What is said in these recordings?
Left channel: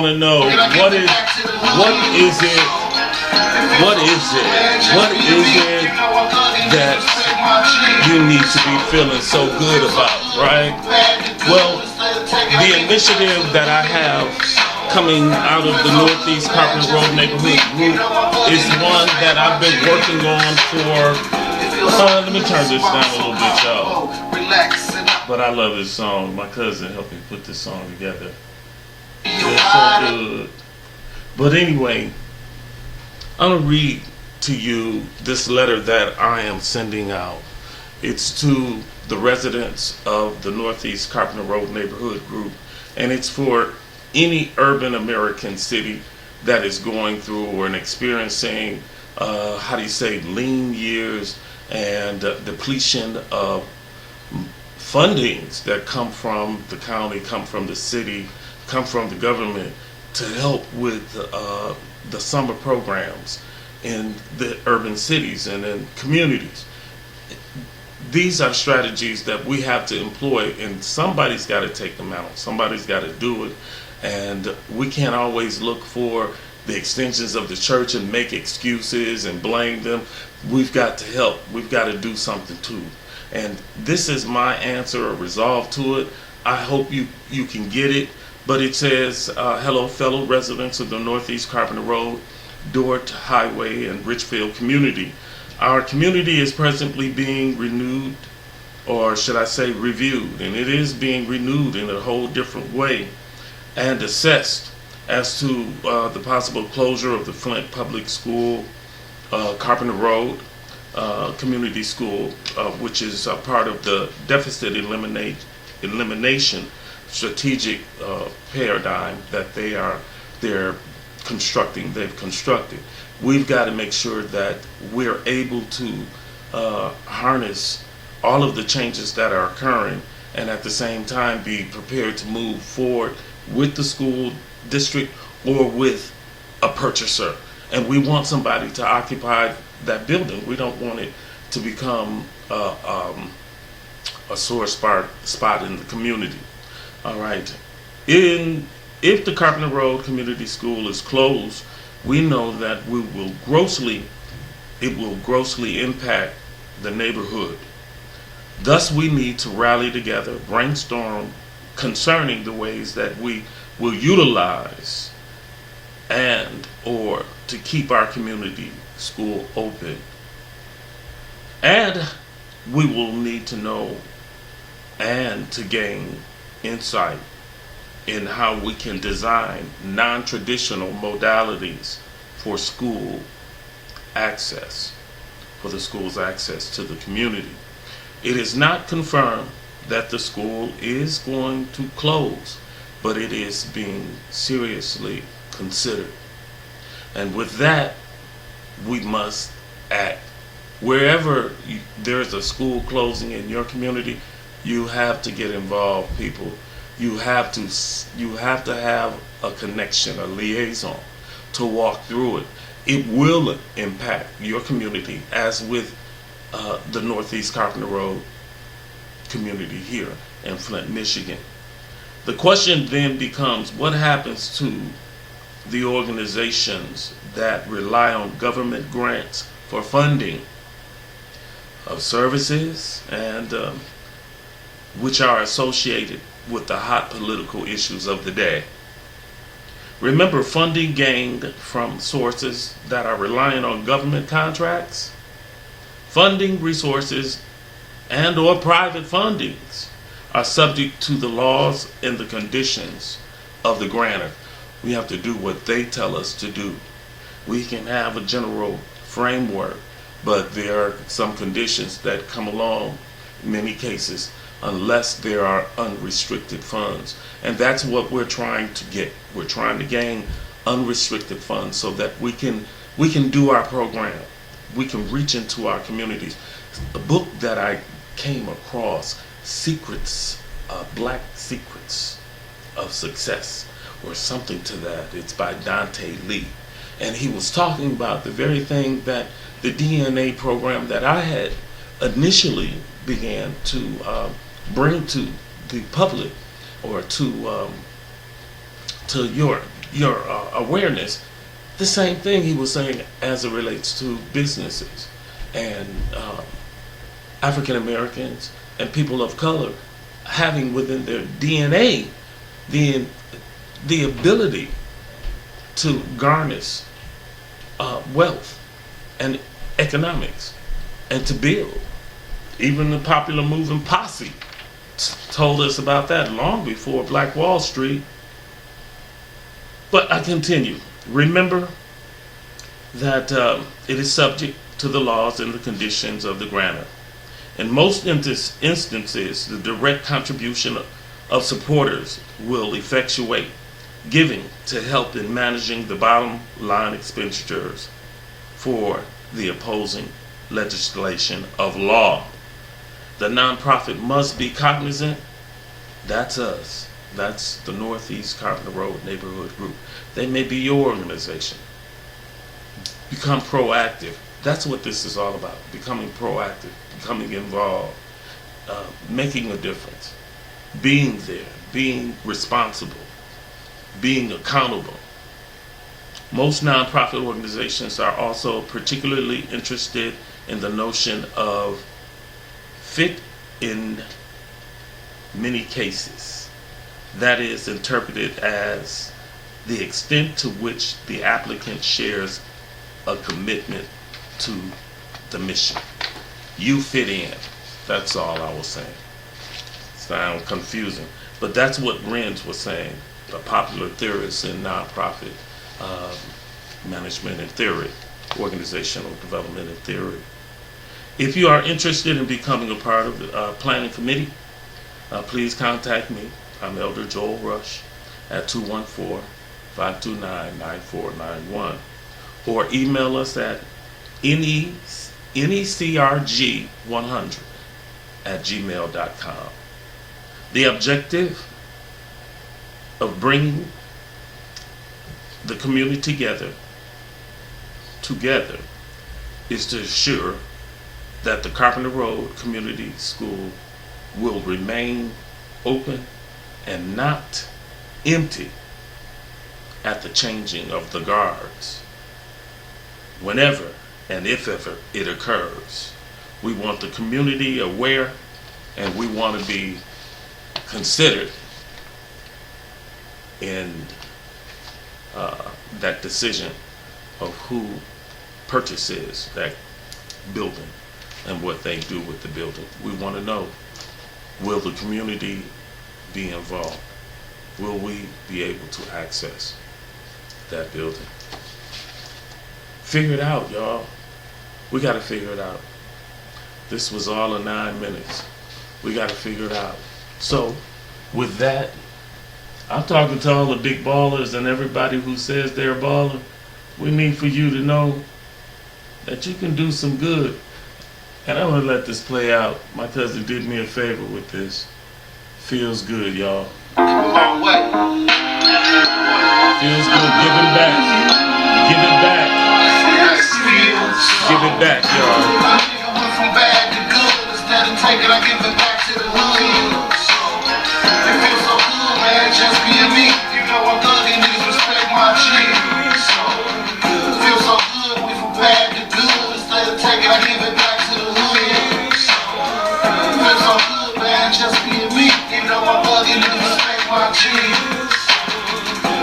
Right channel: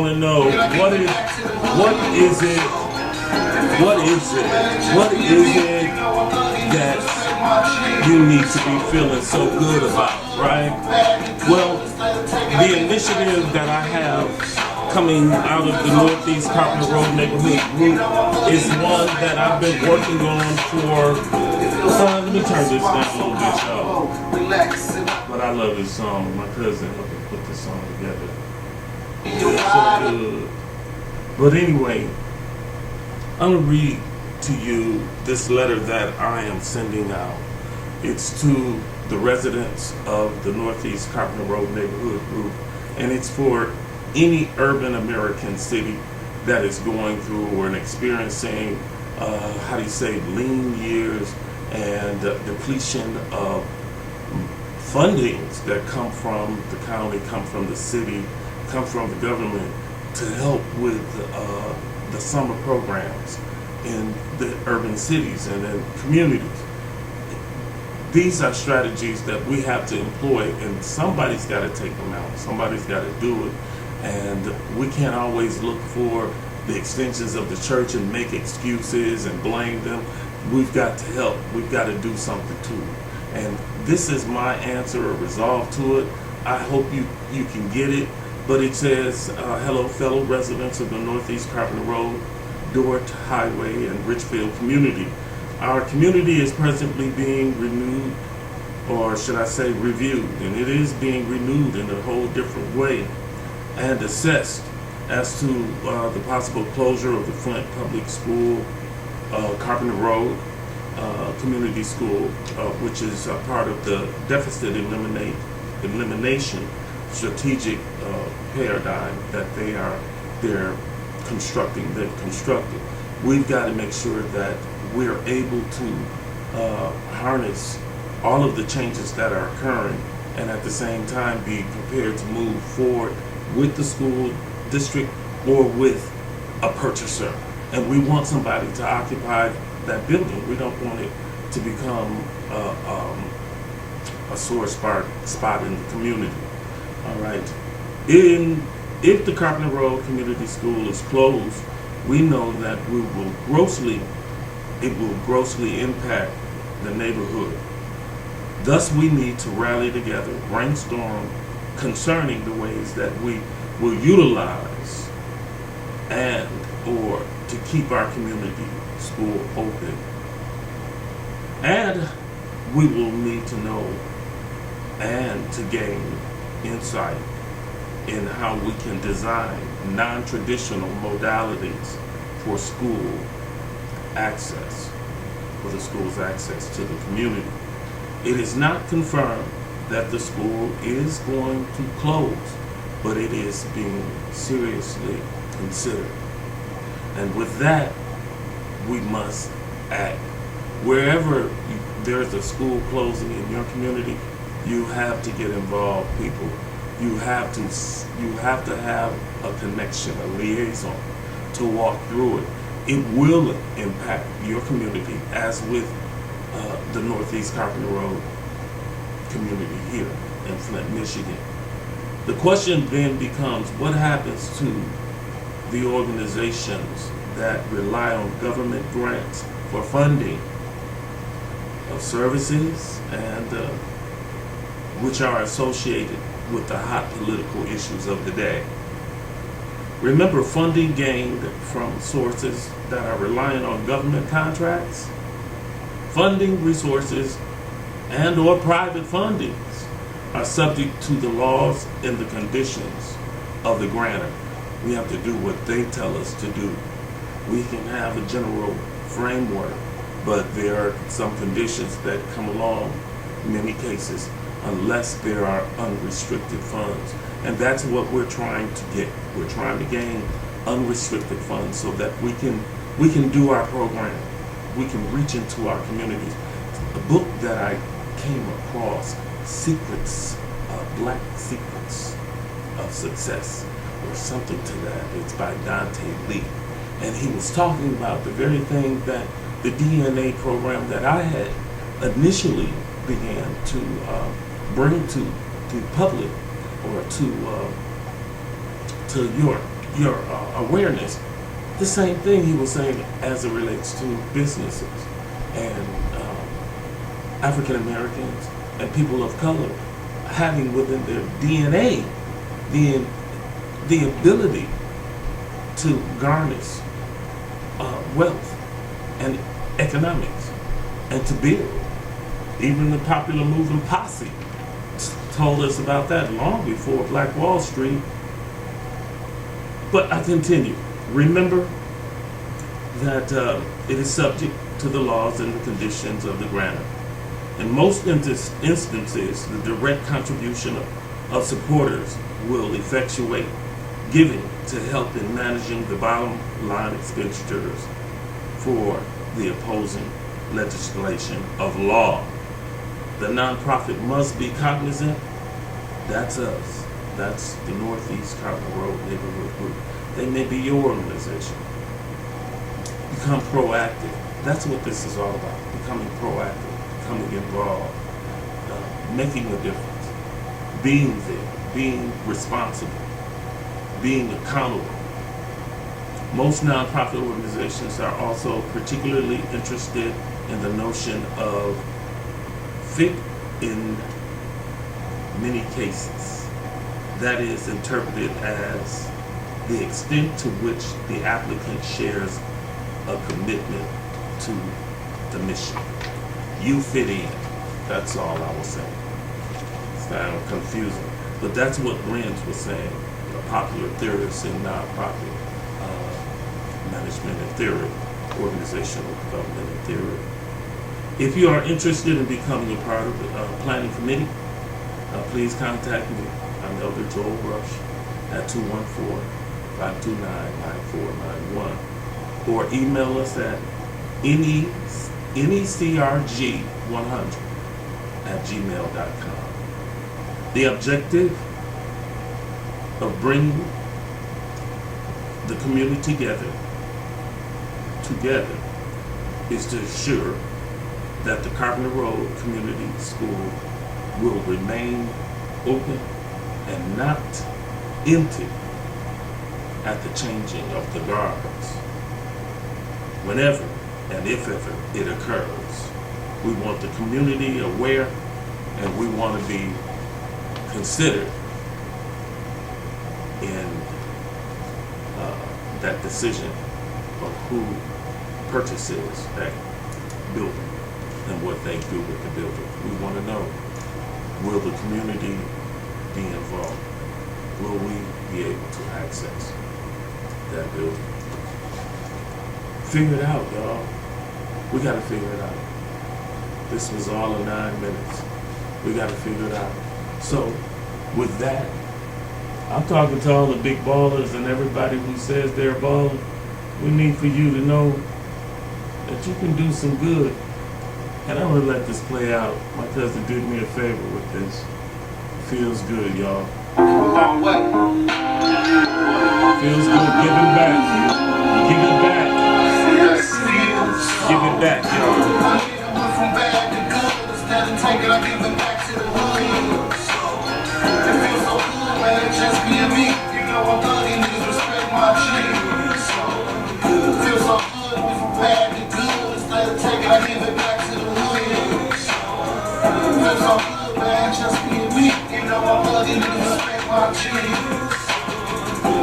want to know what is it that you need to be feeling so good about, right? Well, the initiative that I have coming out of the Northeast Carpenter Road Neighborhood Group is one that I've been working on for, let me turn this down a little bit, y'all. But I love this song. My cousin helped me put this song together. It's so good. But anyway, I'm going to read to you this letter that I am sending out. It's to the residents of the Northeast Carpenter Road Neighborhood Group, and it's for any urban American city that is going through or experiencing, lean years and depletion of fundings that come from the county, come from the city, come from the government to help with the summer programs in the urban cities and in communities. These are strategies that we have to employ, and somebody's got to take them out. Somebody's got to do it. And we can't always look for the extensions of the church and make excuses and blame them. We've got to help. We've got to do something too. And this is my answer or resolve to it. I hope you can get it. But it says, hello, fellow residents of the Northeast Carpenter Road, Dort Highway, and Richfield community. Our community is presently being renewed, or should I say reviewed, and it is being renewed in a whole different way and assessed as to the possible closure of the Flint Public School, Carpenter Road Community School, which is part of the deficit elimination strategic paradigm that they're constructing. They've constructed. We've got to make sure that we're able to harness all of the changes that are occurring, and at the same time be prepared to move forward with the school district or with a purchaser. And we want somebody to occupy that building. We don't want it to become a sore spot in the community. All right. If the Carpenter Road Community School is closed, we know that it will grossly impact the neighborhood. Thus, we need to rally together, brainstorm concerning the ways that we will utilize and or to keep our community school open. And we will need to know and to gain insight in how we can design non-traditional modalities for school access, for the school's access to the community. It is not confirmed that the school is going to close, but it is being seriously considered. And with that, we must act. Wherever there's a school closing in your community, you have to get involved, people. You have to have a connection, a liaison to walk through it. It will impact your community, as with the Northeast Carpenter Road community here in Flint, Michigan. The question then becomes, what happens to the organizations that rely on government grants for funding of services and which are associated with the hot political issues of the day? Remember, funding gained from sources that are reliant on government contracts, funding resources, and or private fundings are subject to the laws and the conditions of the grantor. We have to do what they tell us to do. We can have a general framework, but there are some conditions that come along in many cases unless there are unrestricted funds. And that's what we're trying to get. We're trying to gain unrestricted funds so that we can do our program. We can reach into our communities. A book that I came across, Secrets, Black Secrets of Success, or something to that. It's by Dante Lee. And he was talking about the very thing that the DNA program that I had initially began to bring to the public, or to your your awareness. The same thing he was saying as it relates to businesses and African Americans and people of color having within their DNA the ability to garnish wealth and economics and to build. Even the popular moving posse told us about that long before Black Wall Street. But I continue. Remember that it is subject to the laws and the conditions of the grantor. In most instances, the direct contribution of supporters will effectuate giving to help in managing the bottom line expenditures for the opposing legislation of law. The nonprofit must be cognizant. That's us. That's the Northeast Carpenter Road Neighborhood Group. They may be your organization. Become proactive. That's what this is all about. Becoming proactive, becoming involved, making a difference, being there, being responsible, being accountable. Most nonprofit organizations are also particularly interested in the notion of fit in many cases. That is interpreted as the extent to which the applicant shares a commitment to the mission. You fit in. That's all I was saying. Sounds confusing, but that's what Renz was saying, a popular theorist in nonprofit management and theory, organizational development and theory. If you are interested in becoming a part of the planning committee, please contact me. I'm Elder Joel Rush at 214-529-9491, or email us at necrg100@gmail.com. The objective of bringing the community together is to ensure that the Carpenter Road Community School will remain open and not empty at the changing of the guards. Whenever and if ever it occurs, we want the community aware, and we want to be considered in that decision of who purchases that building and what they do with the building. We want to know, will the community be involved? Will we be able to access that building? Figure it out, y'all. We got to figure it out. This was all in 9 minutes. We got to figure it out. So, with that, I'm talking to all the big ballers and everybody who says they're a baller. We need for you to know that you can do some good. And I'm going to let this play out. My cousin did me a favor with this. Feels good, y'all. Feels good. Giving back. Give it back. Give it back, y'all. Just being me, you know I'm thugging, niggas respect my shit. Feel so good, we from bad to good. Instead of taking, I give it back to the hood. Feel so good, man, just being me, you know I'm thugging, niggas respect my shit.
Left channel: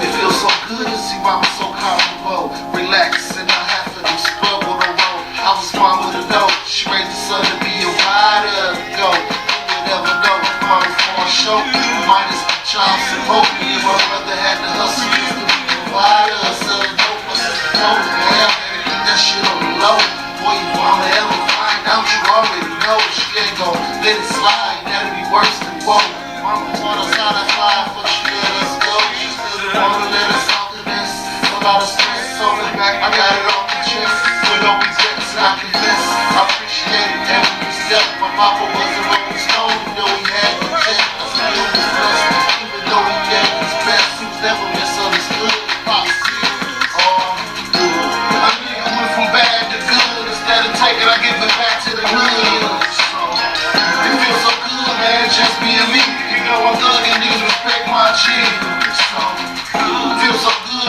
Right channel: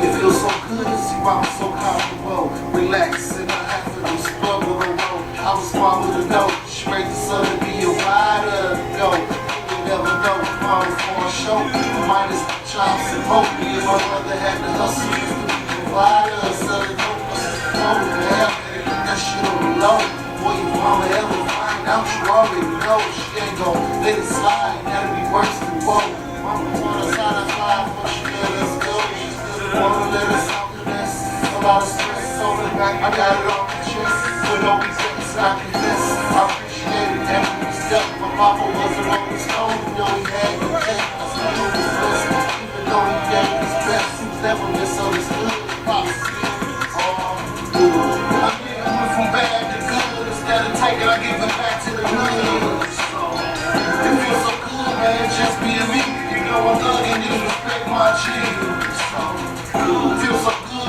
It feels so good to see why I'm so comfortable, relax, and not have to do scrub on the road. I was smart with a dope, straight to sun to be a rider, go. You never know, I'm for a show, minus chops and hope. My brother had to hustle just to be a provider. Selling dope, told him, man, keep that shit on the low. Boy, you mama ever find out, you already know. She ain't gon' let it slide, that'll be worse than woe. Mama want us out of fire, but she let us go. She still wanna let us out the nest. A lot of stress on the back, I got it on my chest. With all these records, I confess, I appreciate it every step. My papa was a rolling stone, you know he had no check. That's my little blessed. Though he gave his best, he was never misunderstood. Pops, I went from bad to good. Instead of taking, I give it back to the hood. It feels so good, man, just being me. You know I'm thugging, niggas respect my shit. It feels so good.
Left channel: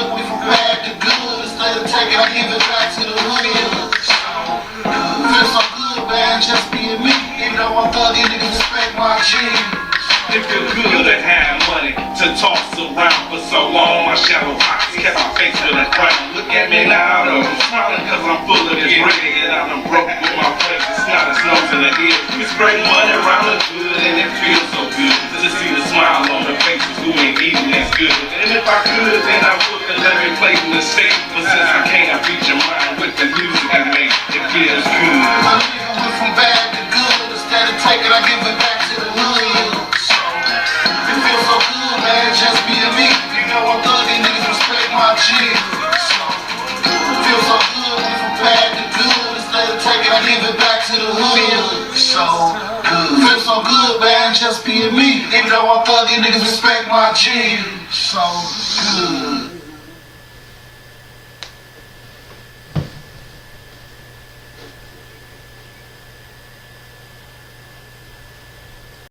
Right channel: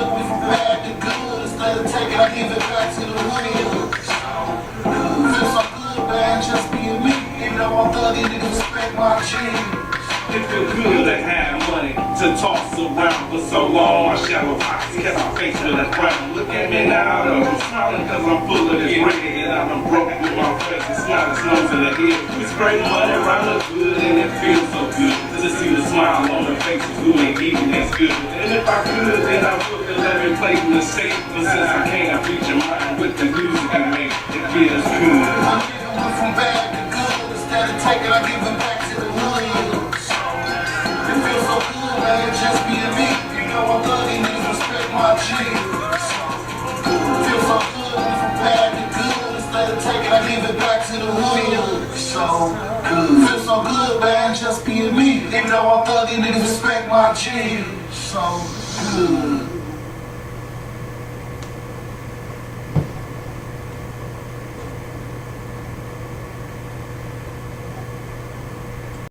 jeans. It feel good to have money to toss around for so long. My shallow eyes kept my face with a frown. Look at me now, though. I'm smiling cause I'm full of this bread. And I'm broke with my friends. It's not a nose in the head. We spray money around the good and it feels so good to see the smile on the faces who ain't eating as good. And if I could, then I would and let me play with the state. But since I can't, I beat your mind with the music I make. It feels good. My nigga went from bad to good. Instead of taking, I give it back to the hood. It feels so good, man, just being me. You know I'm thugging, niggas respect my G. It feels so good, went from bad to good. Instead of taking, I give it back to the hood. So good. Feels so good, man, just being me. Even though I'm thugging, niggas respect my G. So good.